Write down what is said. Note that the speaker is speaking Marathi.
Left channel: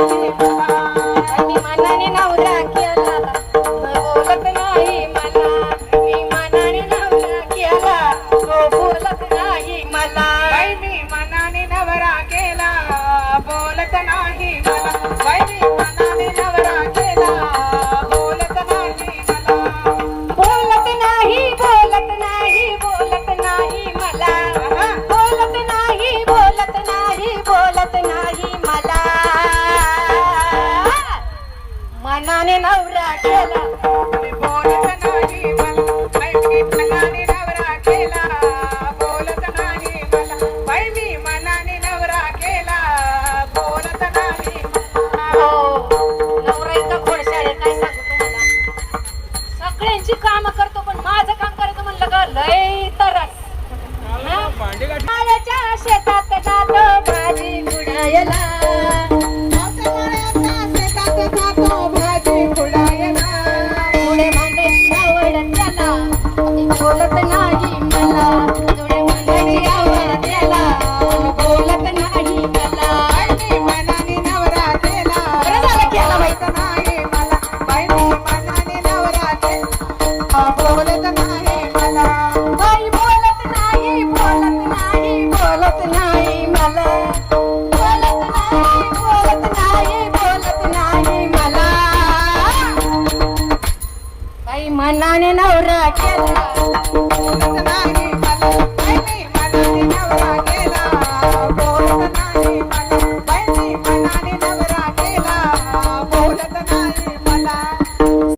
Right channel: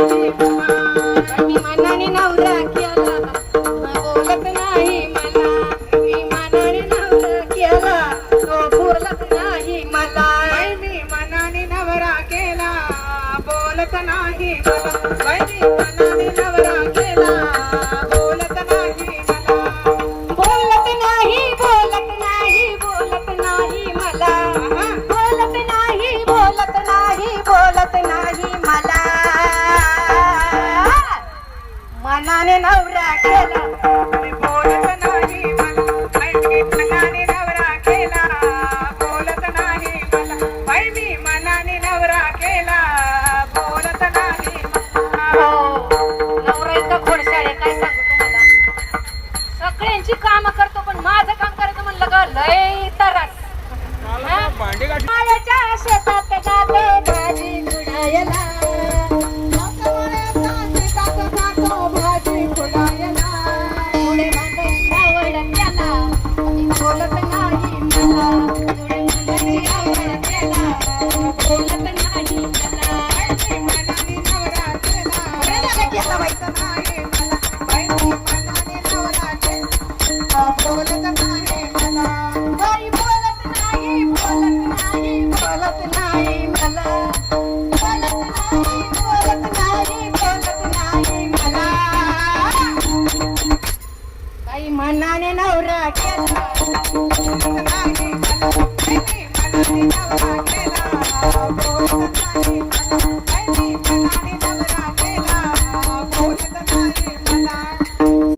मी मनाने नवरा केला बोलत नाही मला मी मनाने नवरा केला तो बोलत नाही मला मी मनाने नवरा केला बोलत नाही मला मी मनाने नवरा केला बोलत नाही मला बोलत नाही बोलत नाही बोलत नाही मला बोलत नाही बोलत नाही बोलत नाही मला मनाने नवरा केला बोलत नाही मला मी मनाने नवरा केला बोलत नाही मला मी मनाने नवरा केला बोलत नाही हो नवरा इतका खोडशाळ आहे काय सांगू तुम्हाला सगळ्यांची काम करतो पण माझं काम करायचं म्हणलं का लय तरच माळ्याच्या शेतात जातो भाजी खुडायला भाजी फुलायला पुढे मांडे आवड त्याला बोलत नाही मला पुढे मांड्याची आवड त्याला बोलत नाही मला मी मनाने नवरा केला बोलत नाही मला मी मनाने नवरा केला बोलत नाही मला बाई बोलत नाही बोलत नाही बोलत नाही मला बोलत नाही बोलत नाही बोलत नाही मला बाई मनाने नवरा केला